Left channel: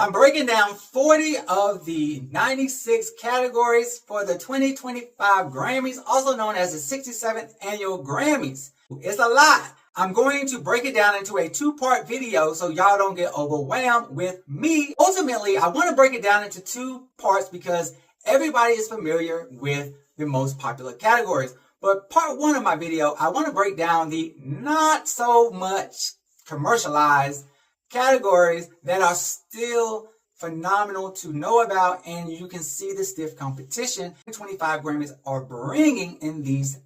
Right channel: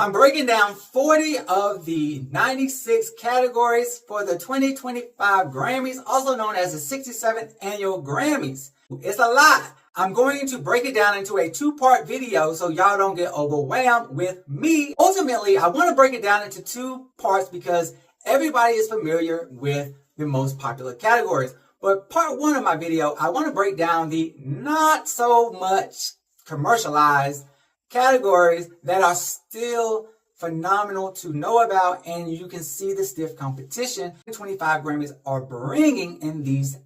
I'm breaking down 40 of the 96 categories for the 2025 Grammys, also known as the 67th Annual Grammys. It's a lot. I'm going to break it down into a two-part video so y'all don't get overwhelmed with me. Ultimately, I want to break it down into two parts because everybody is familiar with the most popular categories. But part one of my video, I want to break down the not so much commercialized categories that are still phenomenal to know about, and you can see the stiff competition 25 Grammys are bringing in these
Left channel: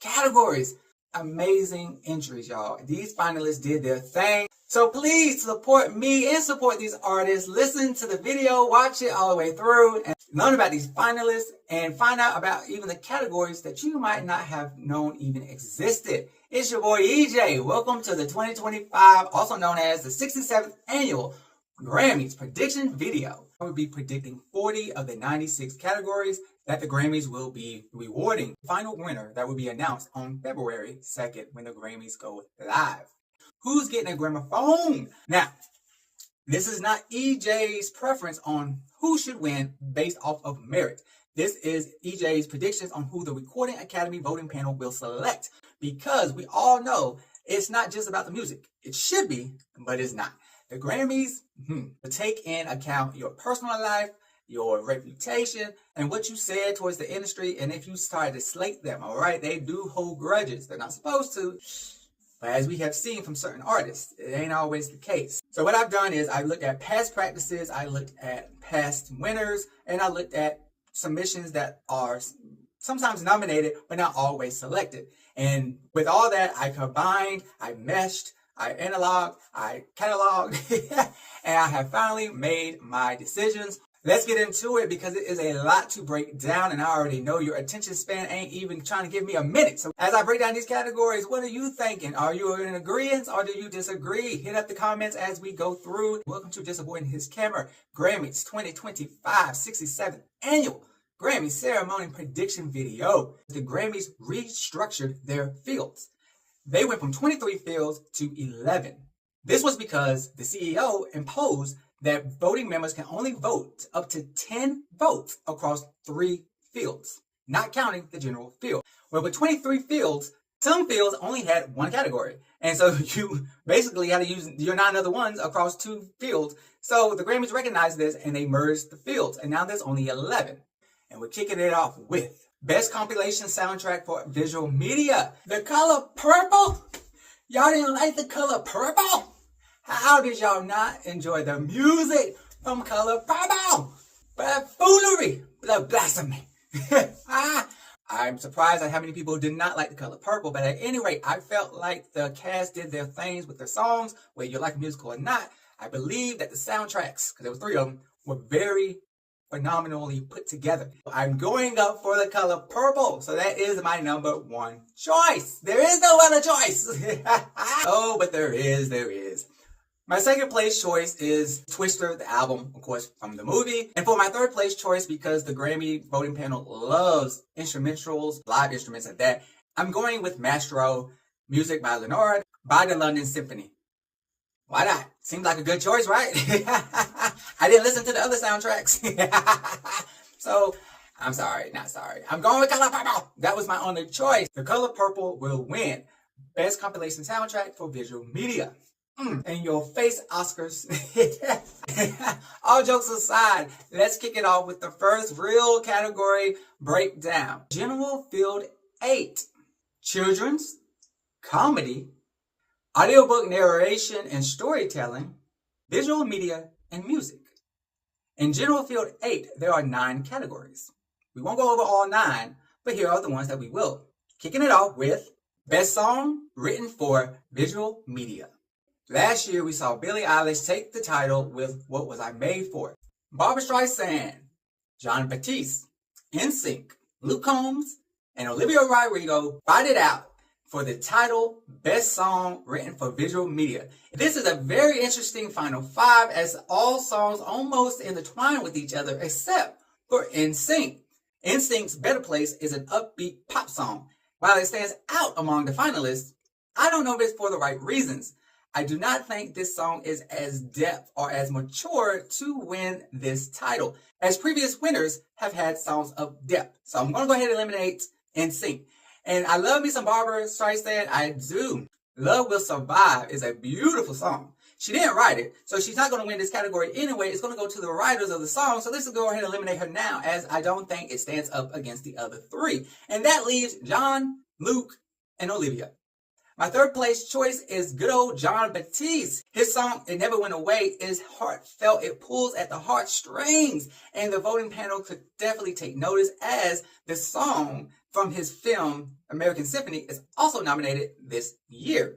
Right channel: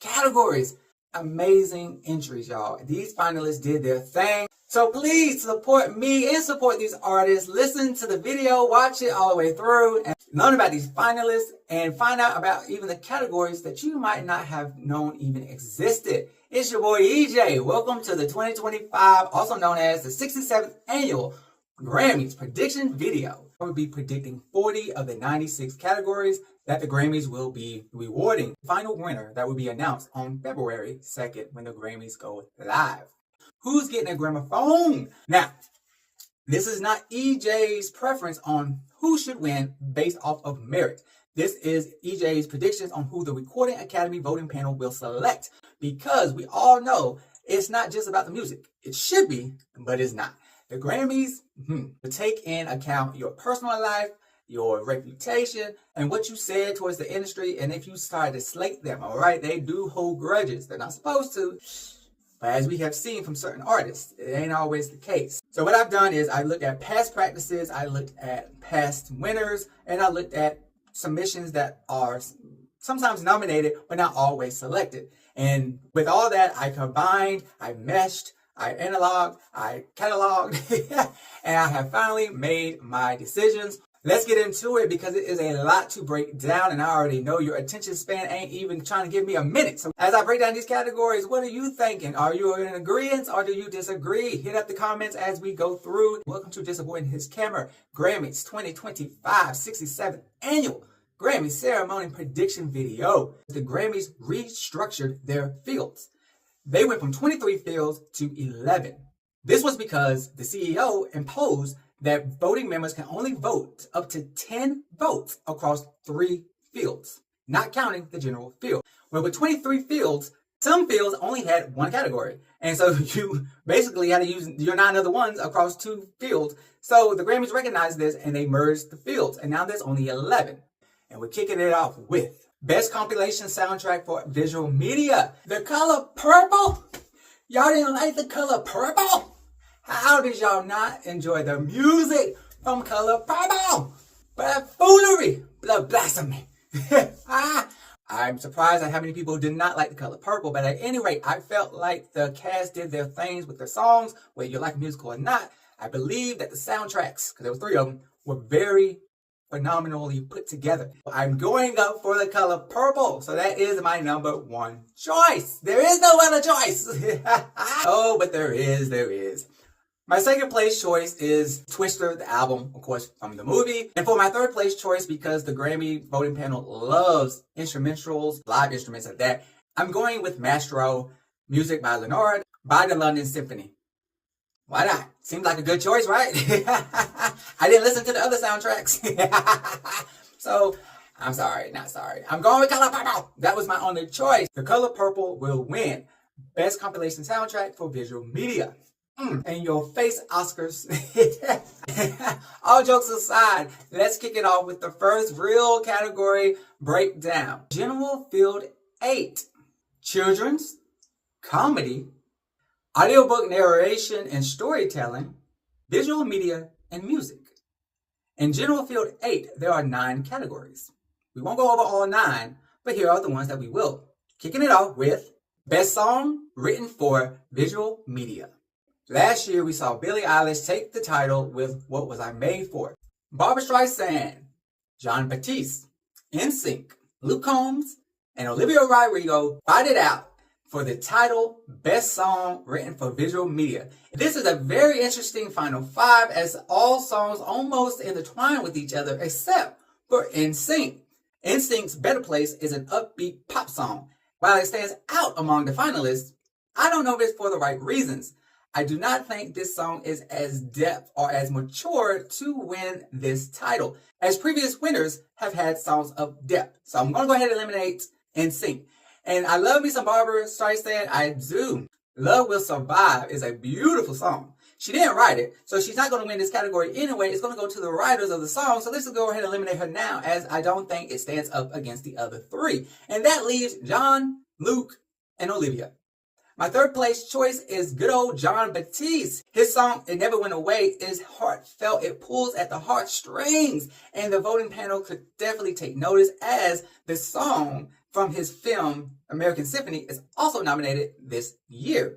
categories. Amazing entries, y'all. These finalists did their thing. So please support me and support these artists. Listen to the video, watch it all the way through, and learn about these finalists and find out about even the categories that you might not have known even existed. It's your boy EJ. Welcome to the 2025, also known as the 67th Annual Grammys prediction video. I will be predicting 40 of the 96 categories that the Grammys will be rewarding. The final winner that will be announced on February 2nd when the Grammys go live. Who's getting a gramophone? Now, this is not EJ's preference on who should win based off of merit. This is EJ's predictions on who the Recording Academy voting panel will select, because we all know it's not just about the music. It should be, but it's not. The Grammys will take in account your personal life, your reputation, and what you said towards the industry. And if you start to slate them, all right, they do hold grudges. They're not supposed to. But as we have seen from certain artists, it ain't always the case. So what I've done is I looked at past practices, I looked at past winners, and I looked at submissions that are sometimes nominated, but not always selected. And with all that, I combined, I meshed, I analoged, I cataloged, and I have finally made my decisions. Let's get into it because it is a lot to break down, and I already know your attention span ain't even trying to give me a minute. So as I break down these categories, what are you thinking? Are you in agreement or do you disagree? Hit up the comments as we go through. Welcome to Justaboiandhiscamera Grammys 2025 67th Annual Grammy Ceremony Prediction Video. The Grammys restructured their fields. They went from 23 fields to 11. This was because the CEO imposed that voting members can only vote up to 10 votes across 3 fields, not counting the general field. Well, with 23 fields, some fields only had 1 category. And so you basically had to use your 9 other ones across 2 fields. So the Grammys recognized this and they merged the fields. And now there's only 11. And we're kicking it off with Best Compilation Soundtrack for Visual Media. The color purple? Y'all didn't like the color purple? How did y'all not enjoy the music from Color Purple? But foolery, but blasphemy. I'm surprised at how many people did not like the Color Purple, but at any rate, I felt like the cast did their things with their songs, whether you like music or not. I believe that the soundtracks, because there were 3 of them, were very phenomenally put together. I'm going up for the Color Purple, so that is my number 1 choice. There is no other choice. Oh, but there is. My second place choice is Twister, the album, of course, from the movie. And for my third place choice, because the Grammy voting panel loves instrumentals, live instruments at that, I'm going with Mastro, music by Leonard, by the London Symphony. Why not? Seems like a good choice, right? I didn't listen to the other soundtracks. So, I'm sorry, not sorry. I'm going with Color Purple. That was my only choice. The Color Purple will win Best Compilation Soundtrack for Visual Media. In your face, Oscars. All jokes aside, let's kick it off with the first real category breakdown. General Field 8. Children's, Comedy, Audiobook Narration and Storytelling, Visual Media, and Music. In General Field 8, there are 9 categories. We won't go over all 9, but here are the ones that we will. Kicking it off with Best Song Written for Visual Media. Last year, we saw Billie Eilish take the title with What Was I Made For? Barbra Streisand, John Batiste, NSYNC, Luke Combs, and Olivia Rodrigo fight it out for the title Best Song Written for Visual Media. This is a very interesting final 5 as all songs almost intertwine with each other except for NSYNC. NSYNC's Better Place is an upbeat pop song. While it stands out among the finalists, I don't know if it's for the right reasons. I do not think this song is as depth or as mature to win this title, as previous winners have had songs of depth. So I'm going to go ahead and eliminate NSYNC. And I love me some Barbara Streisand. I do. Love Will Survive is a beautiful song. She didn't write it, so she's not going to win this category anyway. It's going to go to the writers of the song. So let's go ahead and eliminate her now, as I don't think it stands up against the other three. And that leaves John, Luke, and Olivia. My third place choice is good old Jon Batiste. His song, It Never Went Away, is heartfelt. It pulls at the heartstrings. And the voting panel could definitely take notice, as the song from his film, American Symphony, is also nominated this year.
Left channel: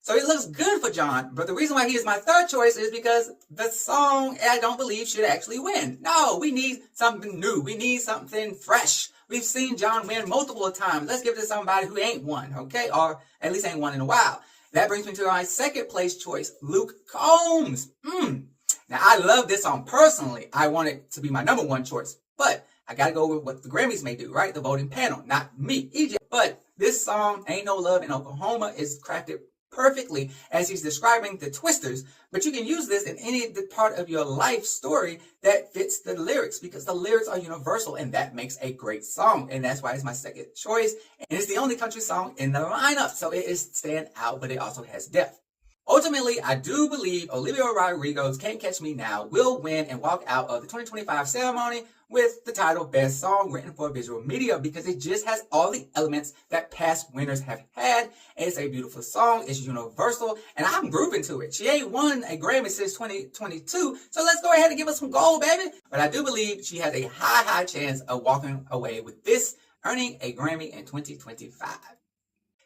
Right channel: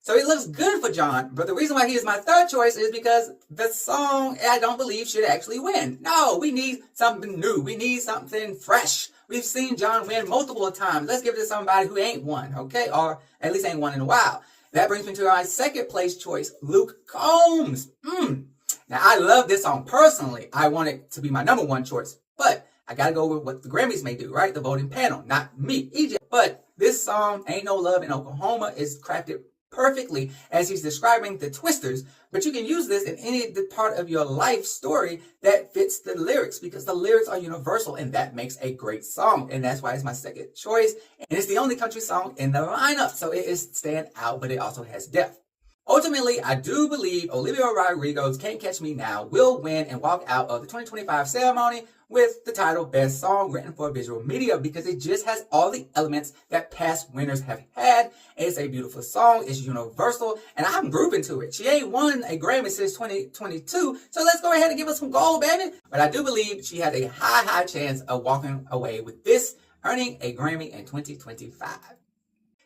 So it looks good for John, but the reason why he is my third choice is because the song, I don't believe, should actually win. No, we need something new. We need something fresh. We've seen John win multiple times. Let's give it to somebody who ain't won, okay? Or at least ain't won in a while. That brings me to my second place choice, Luke Combs. Now, I love this song personally. I want it to be my number one choice, but I gotta go with what the Grammys may do, right? The voting panel, not me, EJ. But this song, Ain't No Love in Oklahoma, is crafted perfectly as he's describing the Twisters, but you can use this in any part of your life story that fits the lyrics, because the lyrics are universal, and that makes a great song, and that's why it's my second choice. And it's the only country song in the lineup, so it is stand out, but it also has depth. Ultimately, I do believe Olivia Rodrigo's Can't Catch Me Now will win and walk out of the 2025 ceremony with the title Best Song Written for Visual Media, because it just has all the elements that past winners have had. It's a beautiful song, it's universal, and I'm grooving to it. She ain't won a Grammy since 2022, so let's go ahead and give her some gold, baby. But I do believe she has a high chance of walking away with this, earning a Grammy in 2025.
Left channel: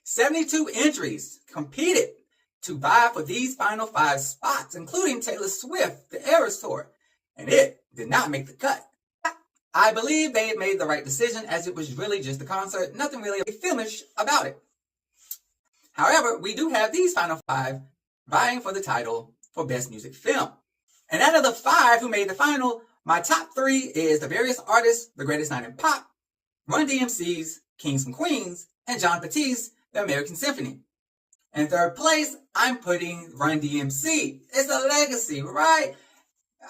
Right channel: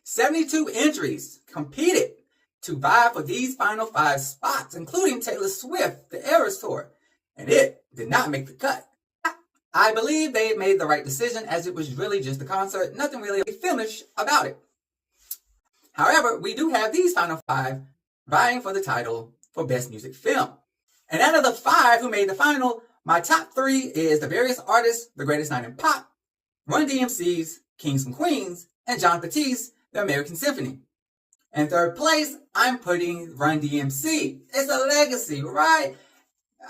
72 entries competed to vie for these final 5 spots, including Taylor Swift, the Eras Tour, and it did not make the cut. I believe they made the right decision, as it was really just a concert, nothing really finished about it. However, we do have these final 5 vying for the title for Best Music Film. And out of the 5 who made the final, my top 3 is The Various Artists, The Greatest Night in Pop, Run DMC's Kings and Queens, and Jon Batiste, The American Symphony. In third place, I'm putting Run DMC. It's a legacy, right?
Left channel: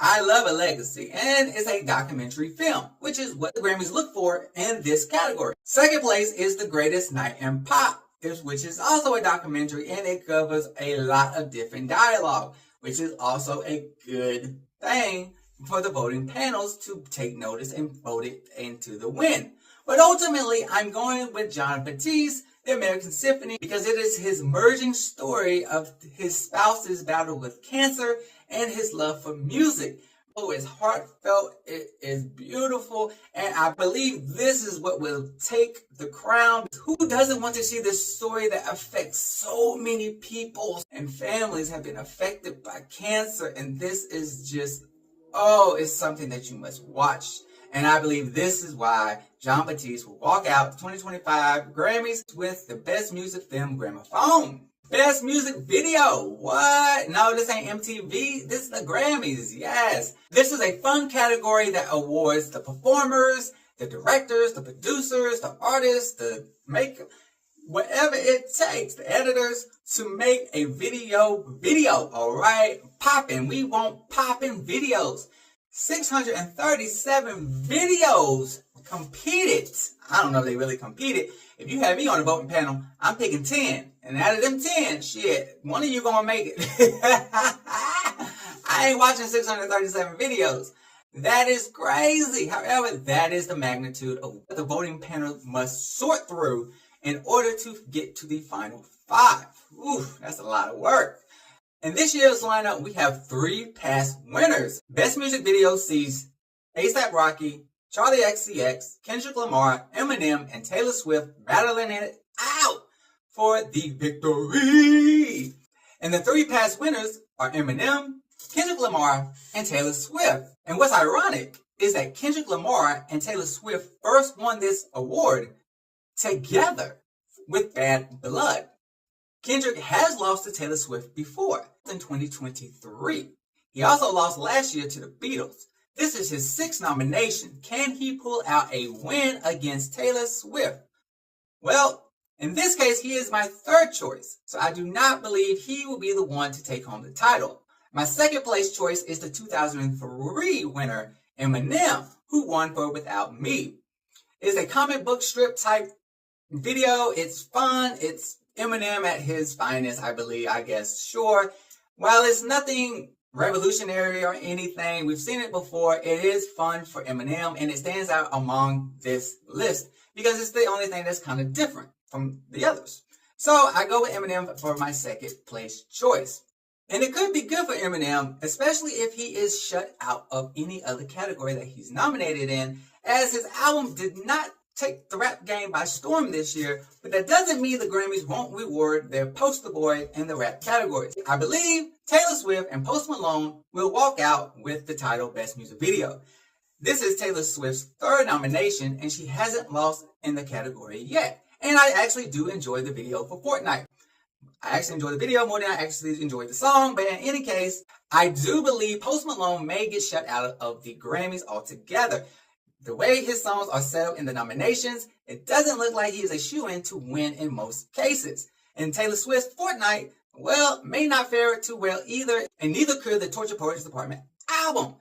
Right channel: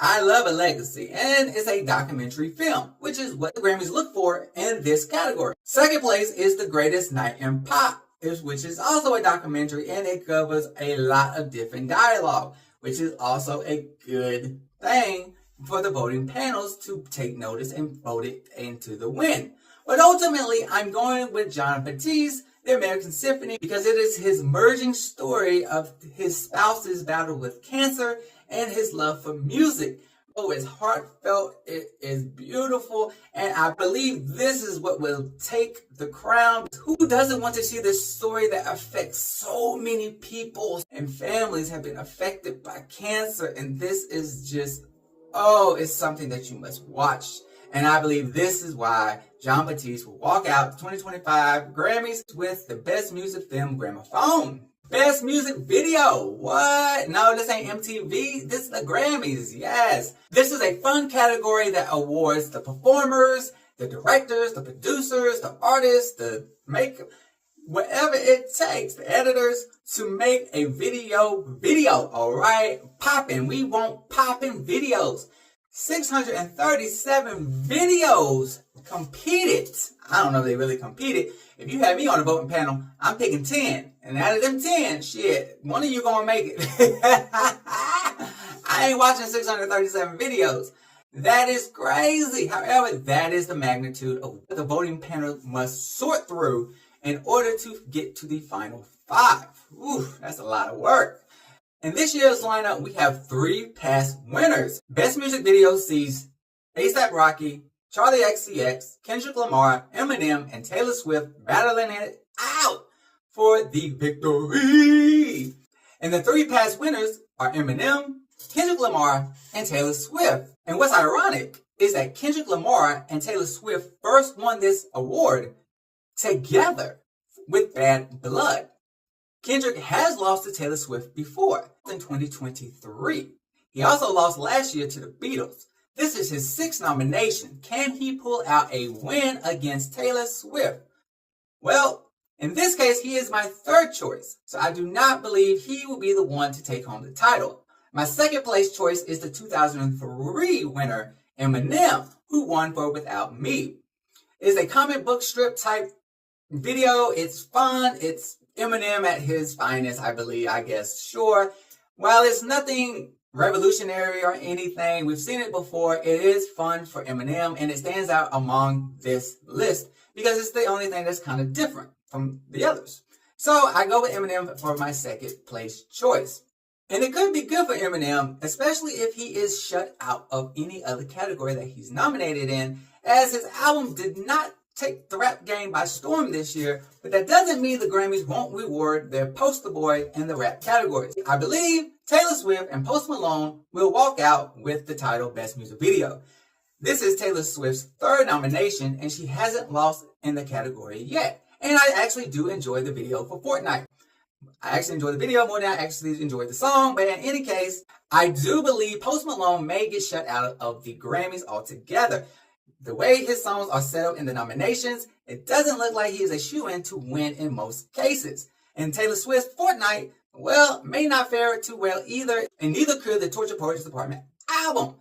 I love a legacy, and it's a documentary film, which is what the Grammys look for in this category. Second place is The Greatest Night in Pop, which is also a documentary, and it covers a lot of different dialogue, which is also a good thing for the voting panels to take notice and vote it into the win. But ultimately, I'm going with Jon Batiste, The American Symphony, because it is his merging story of his spouse's battle with cancer and his love for music. Oh, it's heartfelt, it is beautiful, and I believe this is what will take the crown. Who doesn't want to see this story that affects so many people and families have been affected by cancer? And this is just, it's something that you must watch. And I believe this is why Jon Batiste will walk out the 2025 Grammys with the Best Music Film Gramophone. Best Music Video. What? No, this ain't MTV. This is the Grammys. Yes. This is a fun category that awards the performers, the directors, the producers, the artists, the makeup, whatever it takes, the editors, to make a video. All right? Poppin'. We want poppin' videos. 637 videos competed. I don't know if they really competed. If you have me on the voting panel, I'm picking 10. And out of them 10, shit, one of you gonna make it. I ain't watching 637 videos. That is crazy. However, that is the magnitude of what the voting panel must sort through in order to get to the final 5. Ooh, that's a lot of work. In this year's lineup, we have 3 past winners. Best Music Video sees A$AP Rocky, Charlie XCX, Kendrick Lamar, Eminem, and Taylor Swift battling it out for the victory. And the 3 past winners are Eminem, Kendrick Lamar, and Taylor Swift. And what's ironic is that Kendrick Lamar and Taylor Swift first won this award together with Bad Blood. Kendrick has lost to Taylor Swift before, in 2023. He also lost last year to the Beatles. This is his 6th nomination. Can he pull out a win against Taylor Swift? Well, In this case, he is my third choice, so I do not believe he will be the one to take home the title. My second place choice is the 2003 winner, Eminem, who won for Without Me. It's a comic book strip type video. It's fun. It's Eminem at his finest, I believe, I guess, sure. While it's nothing revolutionary or anything, we've seen it before, it is fun for Eminem, and it stands out among this list because it's the only thing that's kind of different from the others. So I go with Eminem for my second place choice. And it could be good for Eminem, especially if he is shut out of any other category that he's nominated in, as his album did not take the rap game by storm this year, but that doesn't mean the Grammys won't reward their poster boy in the rap categories. I believe Taylor Swift and Post Malone will walk out with the title Best Music Video. This is Taylor Swift's third nomination, and she hasn't lost in the category yet. And I actually do enjoy the video for Fortnite. I actually enjoy the video more than I actually enjoyed the song, but in any case, I do believe Post Malone may get shut out of the Grammys altogether. The way his songs are set up in the nominations, it doesn't look like he is a shoo-in to win in most cases. And Taylor Swift's Fortnite, well, may not fare too well either, and neither could the Torture Poetry Department album.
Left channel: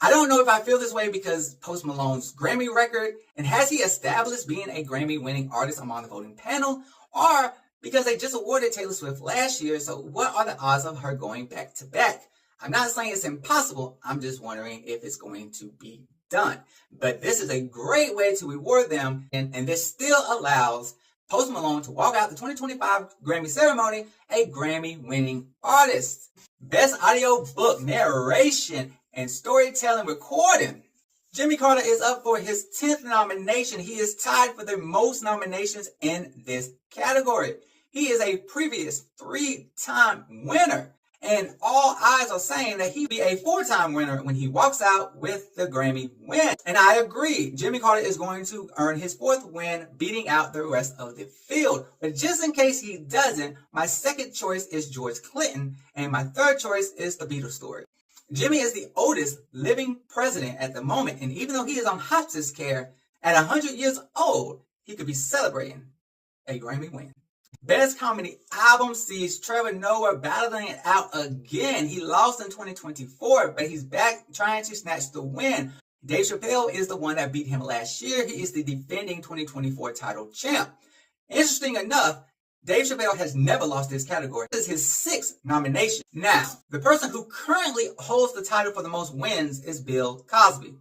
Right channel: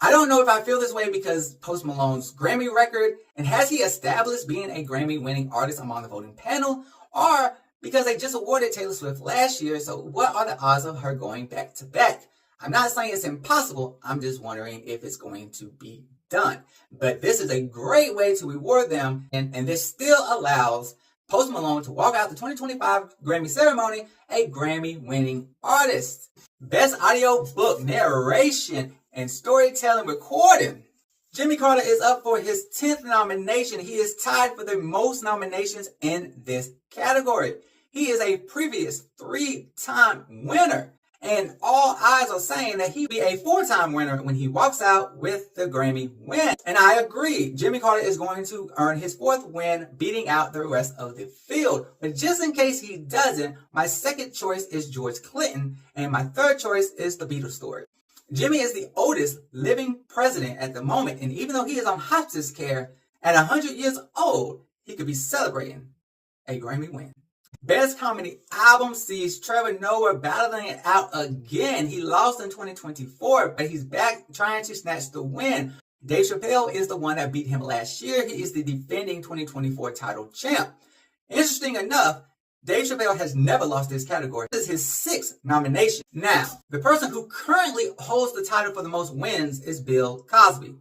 I don't know if I feel this way because Post Malone's Grammy record, and has he established being a Grammy-winning artist among the voting panel, or because they just awarded Taylor Swift last year, so what are the odds of her going back to back? I'm not saying it's impossible, I'm just wondering if it's going to be done. But this is a great way to reward them, and this still allows Post Malone to walk out the 2025 Grammy ceremony a Grammy-winning artist. Best Audiobook Narration and Storytelling Recording. Jimmy Carter is up for his 10th nomination. He is tied for the most nominations in this category. He is a previous 3-time winner, and all eyes are saying that he'll be a 4-time winner when he walks out with the Grammy win. And I agree, Jimmy Carter is going to earn his 4th win, beating out the rest of the field. But just in case he doesn't, my second choice is George Clinton, and my third choice is The Beatles Story. Jimmy is the oldest living president at the moment, and even though he is on hospice care, at 100 years old, he could be celebrating a Grammy win. Best Comedy Album sees Trevor Noah battling it out again. He lost in 2024, but he's back trying to snatch the win. Dave Chappelle is the one that beat him last year. He is the defending 2024 title champ. Interesting enough, Dave Chappelle has never lost this category. This is his 6th nomination. Now, the person who currently holds the title for the most wins is Bill Cosby.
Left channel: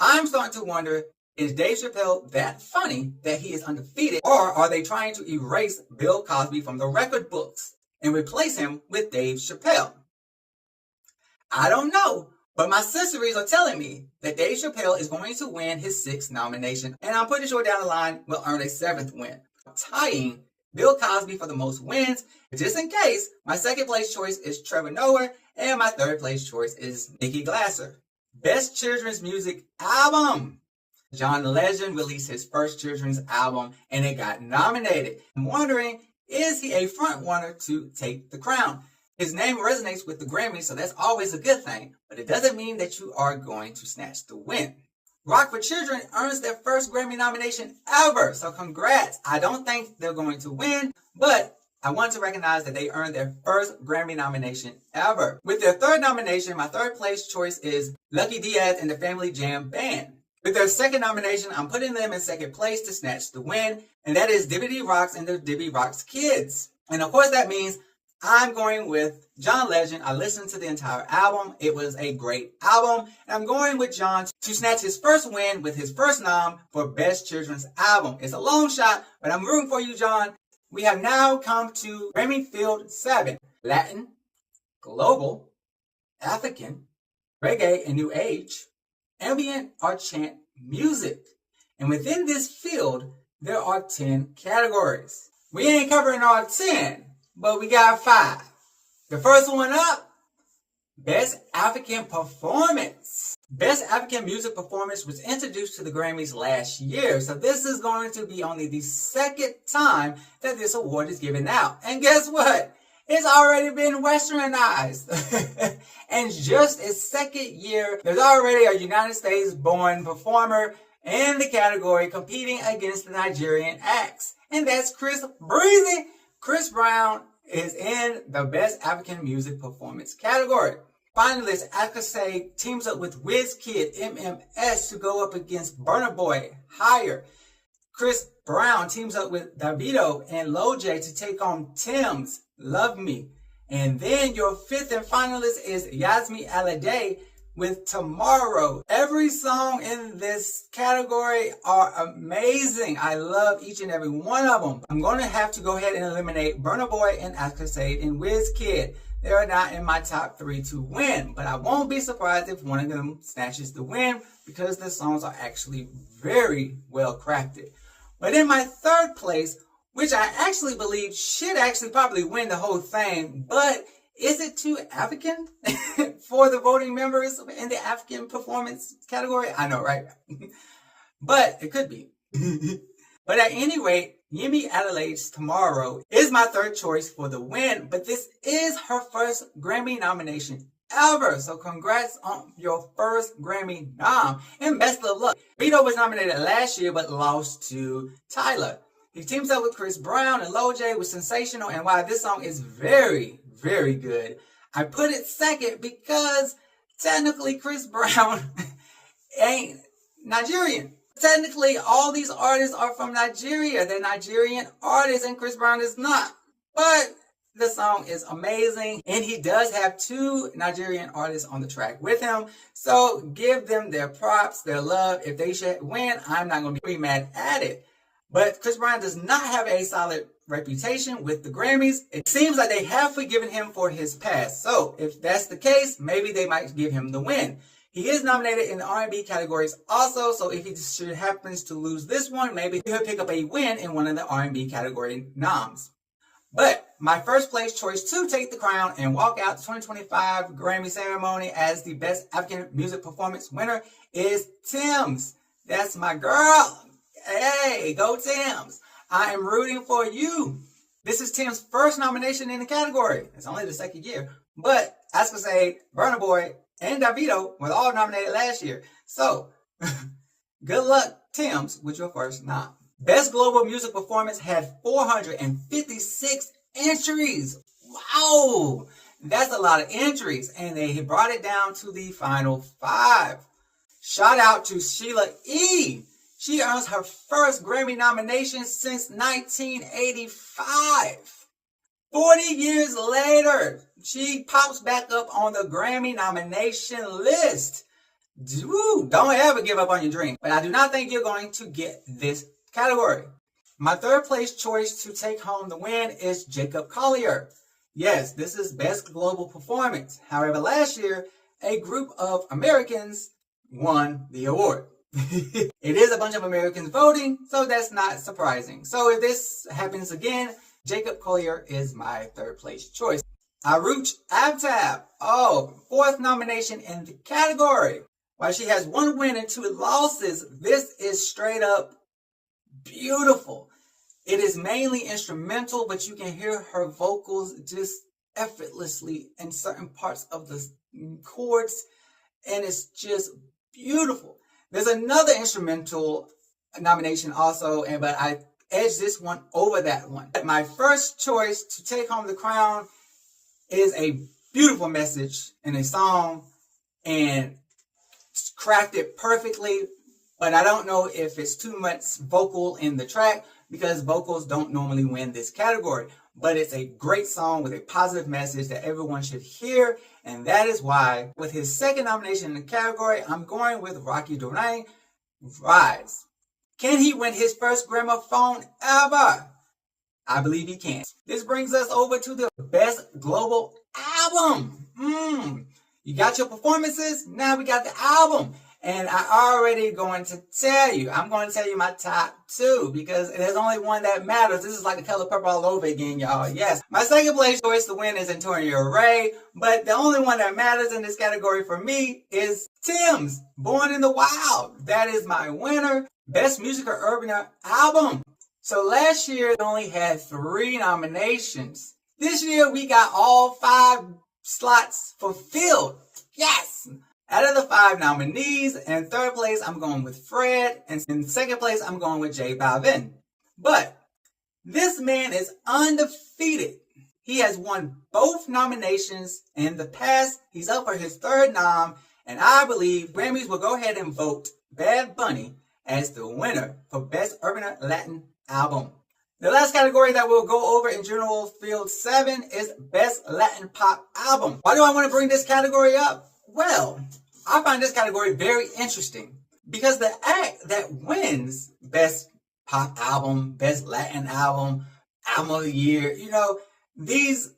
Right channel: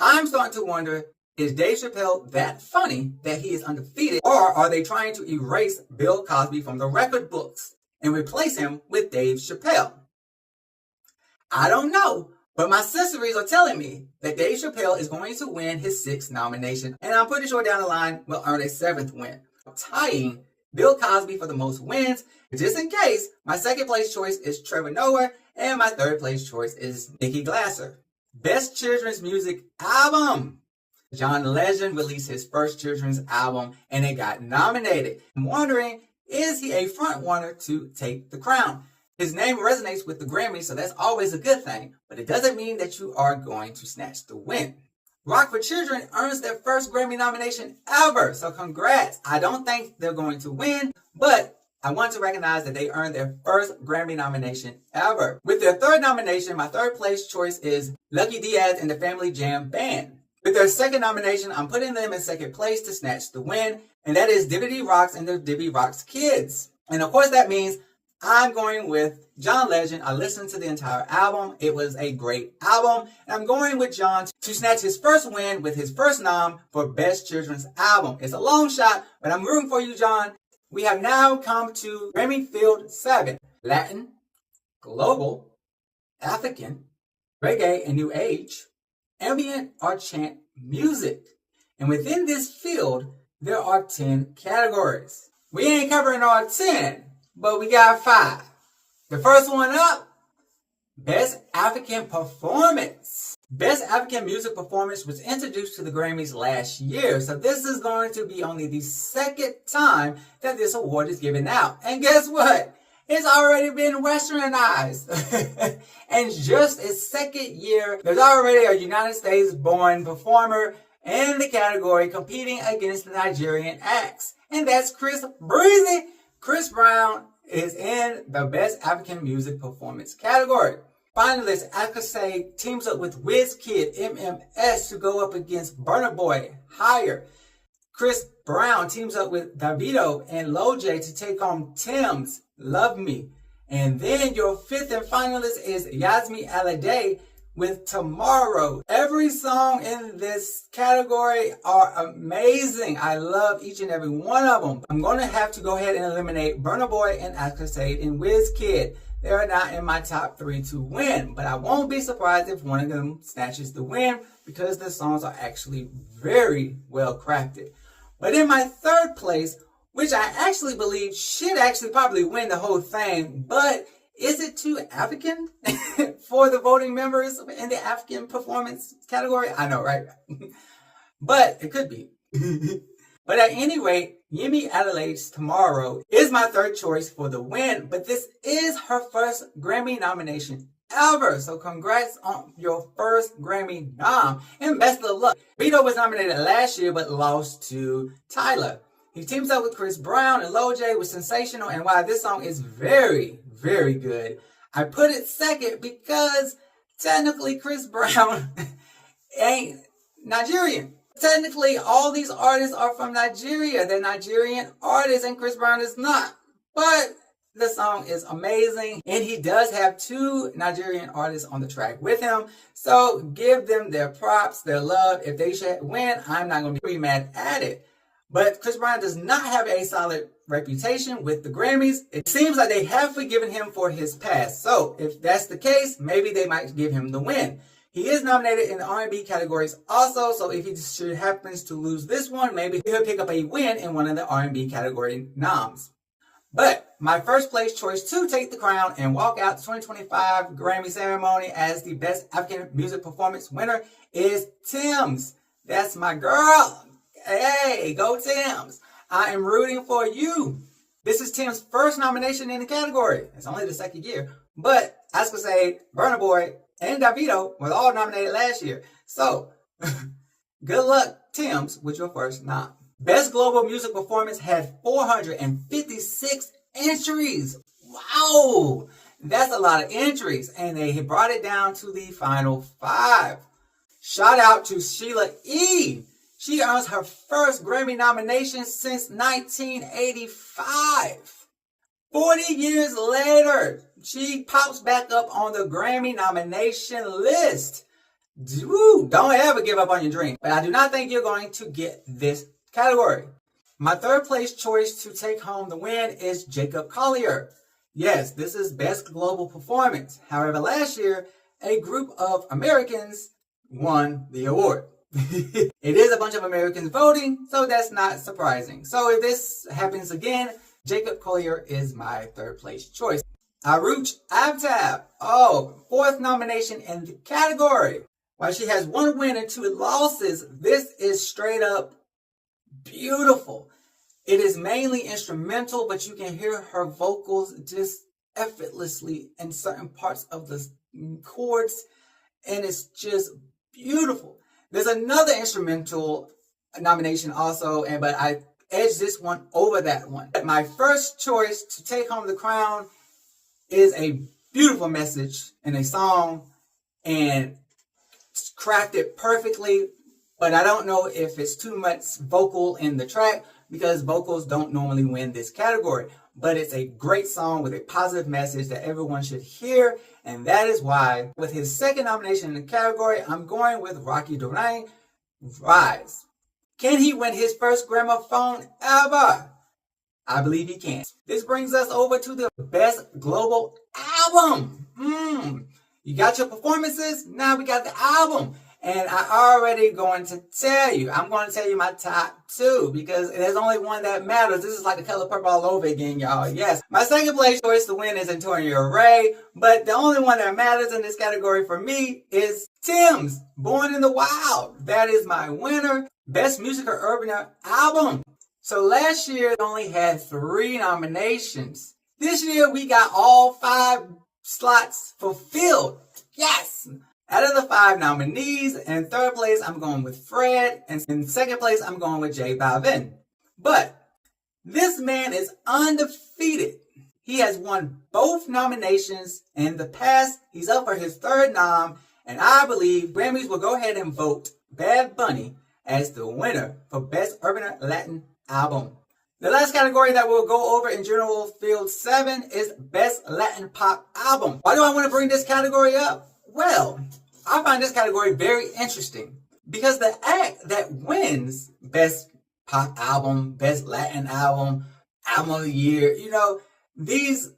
I'm starting to wonder, is Dave Chappelle that funny that he is undefeated, or are they trying to erase Bill Cosby from the record books and replace him with Dave Chappelle? I don't know, but my sisteries are telling me that Dave Chappelle is going to win his 6th nomination, and I'm pretty sure down the line will earn a 7th win, tying Bill Cosby for the most wins. Just in case, my second place choice is Trevor Noah, and my third place choice is Nikki Glaser. Best Children's Music Album. John Legend released his first children's album, and it got nominated. I'm wondering, is he a front runner to take the crown? His name resonates with the Grammys, so that's always a good thing, but it doesn't mean that you are going to snatch the win. Rock for Children earns their first Grammy nomination ever, so congrats. I don't think they're going to win, but I want to recognize that they earned their first Grammy nomination ever. With their third nomination, my third place choice is Lucky Diaz and the Family Jam Band. With their second nomination, I'm putting them in second place to snatch the win, and that is Dibbity Rocks and the Dibbity Rocks Kids. And of course that means I'm going with John Legend. I listened to the entire album. It was a great album. And I'm going with John to snatch his first win with his first nom for Best Children's Album. It's a long shot, but I'm rooting for you, John. We have now come to Grammy Field 7. Latin, Global, African, Reggae and New Age, Ambient or Chant music. And within this field, there are 10 categories. We ain't covering all 10, but we got 5. The first one up, Best African Performance. Best African Music Performance was introduced to the Grammys last year, so this is going to be only the second time that this award is given out. And guess what? It's already been westernized. And just its second year, there's already a United States-born performer in the category competing against the Nigerian acts. and that's Chris Breezy. Chris Brown is in the Best African Music Performance category. Finalist Akase teams up with Wizkid MMS to go up against Burna Boy Higher. Chris Brown teams up with Davido and Loj to take on Tim's Love Me. And then your fifth and finalist is Yasmi Alade with Tomorrow. Every song in this category are amazing. I love each and every one of them. I'm going to have to go ahead and eliminate Burna Boy and Akase and Wizkid. They're not in my top 3 to win, but I won't be surprised if one of them snatches the win because the songs are actually very well crafted. But in my third place, which I actually believe should actually probably win the whole thing, but is it too African for the voting members in the African performance category? I know, right? But it could be. But at any rate, Yemi Adelaide's Tomorrow is my third choice for the win, but this is her first Grammy nomination ever. So congrats on your first Grammy nom, and best of luck. Vito was nominated last year, but lost to Tyler. He teams up with Chris Brown and Loj with Sensational, and while this song is very, very good, I put it second because technically Chris Brown ain't Nigerian. Technically, all these artists are from Nigeria. They're Nigerian artists, and Chris Brown is not. But the song is amazing, and he does have 2 Nigerian artists on the track with him. So give them their props, their love. If they should win, I'm not going to be mad at it. But Chris Brown does not have a solid reputation with the Grammys. It seems like they have forgiven him for his past. So if that's the case, maybe they might give him the win. He is nominated in the R&B categories also, so if he should happens to lose this one, maybe he'll pick up a win in one of the R&B category noms. But my first place choice to take the crown and walk out the 2025 Grammy ceremony as the Best African Music Performance winner is Tim's. That's my girl. Hey, go Tim's. I am rooting for you. This is Tim's first nomination in the category. It's only the second year. But I was going to say, Burna Boy and Davido were all nominated last year. So, good luck, Tim's, with your first nom. Best Global Music Performance had 456 entries. Wow! That's a lot of entries. And they brought it down to the final 5. Shout out to Sheila E. She earns her first Grammy nomination since 1985. 40 years later, she pops back up on the Grammy nomination list. Woo, don't ever give up on your dream. But I do not think you're going to get this category. My third place choice to take home the win is Jacob Collier. Yes, this is Best Global Performance. However, last year, a group of Americans won the award. It is a bunch of Americans voting, so that's not surprising. So if this happens again, Jacob Collier is my third place choice. Aruch Abtab, fourth nomination in the category. While she has 1 win and 2 losses, this is straight up beautiful. It is mainly instrumental, but you can hear her vocals just effortlessly in certain parts of the chords, and it's just beautiful. There's another instrumental nomination also, but I edged this one over that one. My first choice to take home the crown is a beautiful message in a song, and it's crafted perfectly, but I don't know if it's too much vocal in the track because vocals don't normally win this category. But it's a great song with a positive message that everyone should hear, and that is why, with his second nomination in the category, I'm going with Rocky Durang, Rise. Can he win his first gramophone ever? I believe he can. This brings us over to the Best Global Album. You got your performances, now we got the album. And I already going to tell you, I'm going to tell you my top 2 because there's only one that matters. This is like the Color Purple all over again, y'all. Yes, my second place choice to win is Antonio Ray, but the only one that matters in this category for me is Tim's Born in the Wild. That is my winner. Best Musica Urbana Album. So last year, we only had 3 nominations. This year, we got all 5 slots fulfilled. Yes! Out of the 5 nominees, in third place, I'm going with Fred, and in second place, I'm going with J Balvin. But This man is undefeated. He has won both nominations in the past. He's up for his third nom, and I believe Grammys will go ahead and vote Bad Bunny as the winner for Best Urban Latin Album. The last category that we'll go over in General Field 7 is Best Latin Pop Album. Why do I want to bring this category up? Well, I find this category very interesting because the act that wins Best Pop Album, Best Latin Album, Album of the Year, these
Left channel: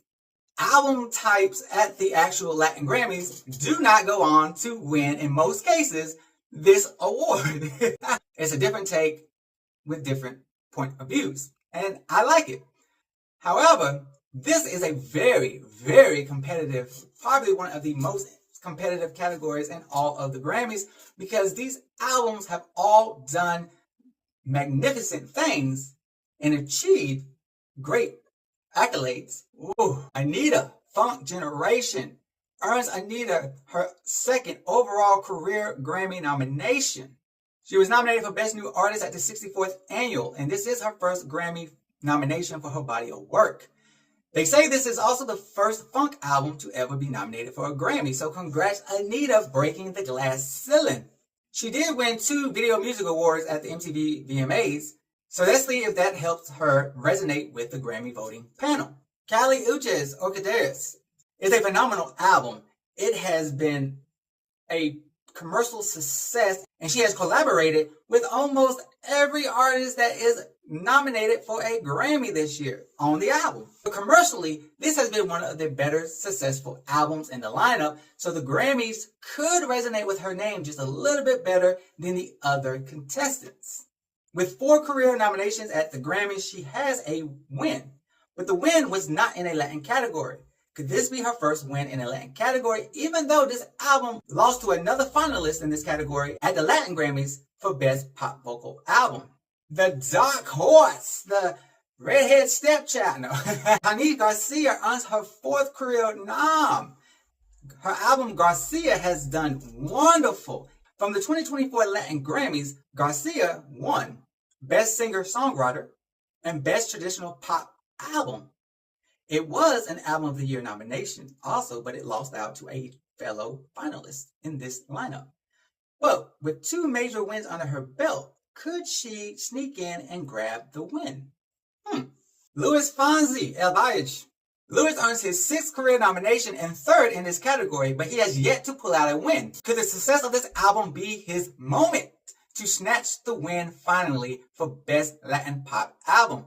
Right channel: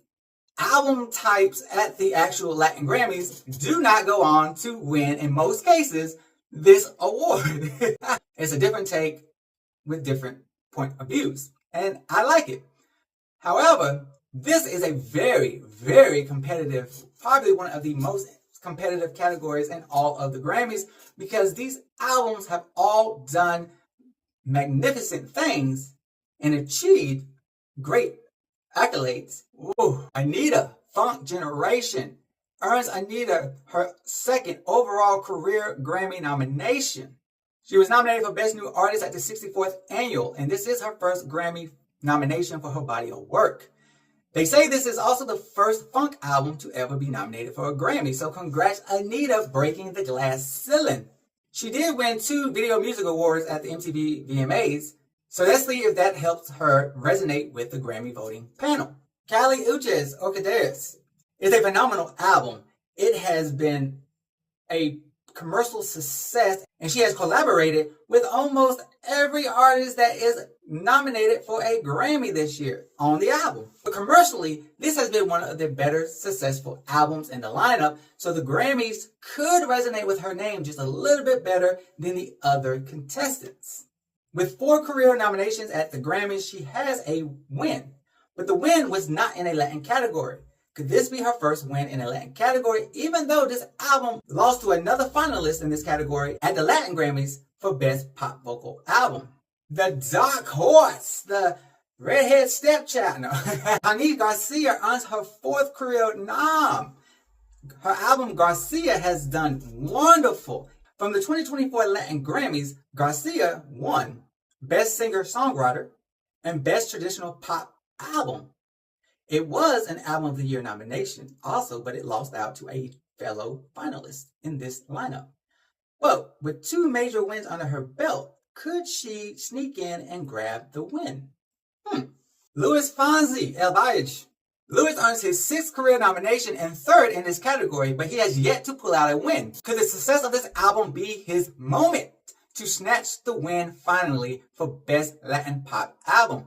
album types at the actual Latin Grammys do not go on to win, in most cases, this award. It's a different take with different point of views, and I like it. However, this is a very, very competitive, probably one of the most competitive categories in all of the Grammys, because these albums have all done magnificent things and achieved great accolades. Ooh, Anita, Funk Generation, earns Anita her second overall career Grammy nomination. She was nominated for Best New Artist at the 64th Annual, and this is her first Grammy nomination for her body of work. They say this is also the first funk album to ever be nominated for a Grammy, so congrats Anita breaking the glass ceiling. She did win 2 Video Music Awards at the MTV VMAs, so let's see if that helps her resonate with the Grammy voting panel. Kali Uchis, Orchideas, is a phenomenal album. It has been a commercial success, and she has collaborated with almost every artist that is nominated for a Grammy this year on the album. But commercially, this has been one of the better successful albums in the lineup, so the Grammys could resonate with her name just a little bit better than the other contestants. With 4 career nominations at the Grammys, she has a win, but the win was not in a Latin category. Could this be her first win in a Latin category, even though this album lost to another finalist in this category at the Latin Grammys for Best Pop Vocal Album? The Dark Horse, the redhead stepchild. No. Hanif Garcia earns her 4th career nom. Her album Garcia has done wonderful. From the 2024 Latin Grammys, Garcia won Best Singer-Songwriter and Best Traditional Pop Album. It was an Album of the Year nomination also, but it lost out to a fellow finalist in this lineup. Well, with 2 major wins under her belt, could she sneak in and grab the win? Luis Fonsi, El Bailage. Luis earns his 6th career nomination and 3rd in this category, but he has yet to pull out a win. Could the success of this album be his moment to snatch the win finally for Best Latin Pop Album?